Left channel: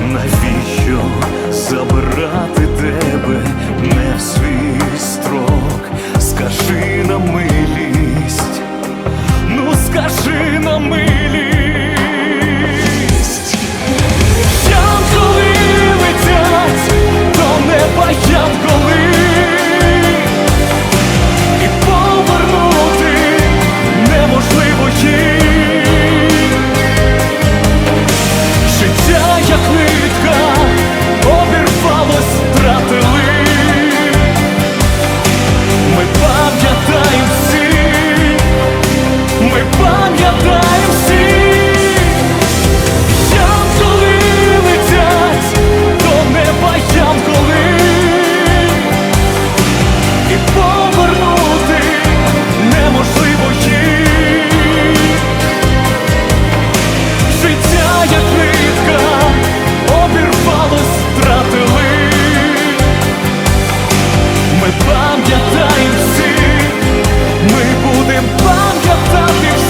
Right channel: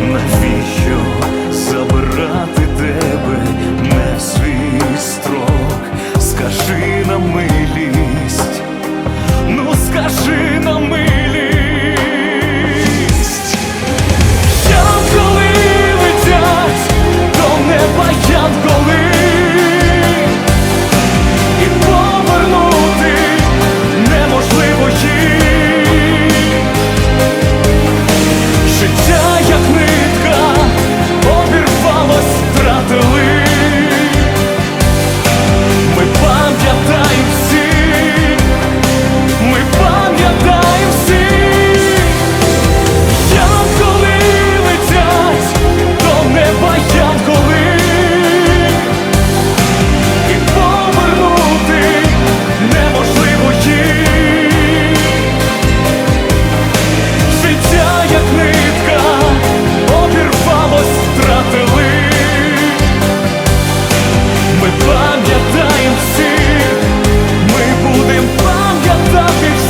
Навіщо забирати тебе не в свій строк? Скажи на милість, ну скажи на милість. Життя, як нитка, обірвалось, втратили. Ми пам'ятаємо всіх, ми будемо пам'ятати всіх.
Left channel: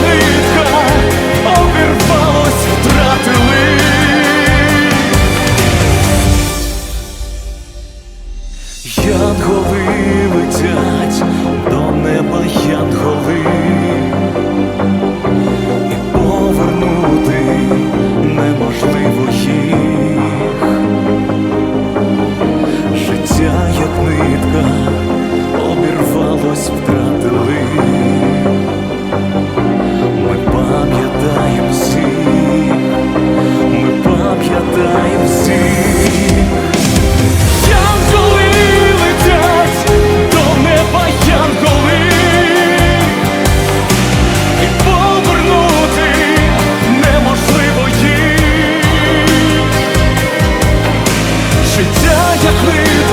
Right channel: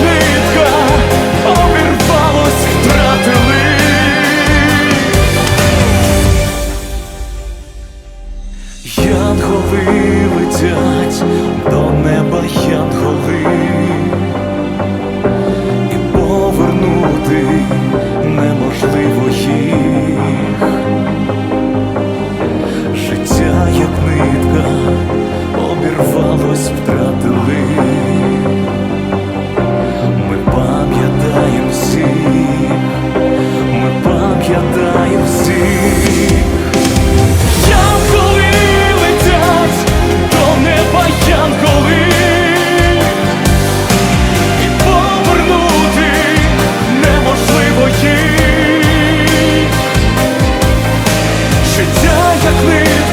Нитка, обірвалось, втратили. Янголи летять до неба, янголи і повернути неможливо їх. Життя, як нитка, обірвалось, втратили пам'ятаємо всіх, ми пам'ятаємо всіх, янголи летять до неба янголи. І повернути неможливо життя як ми.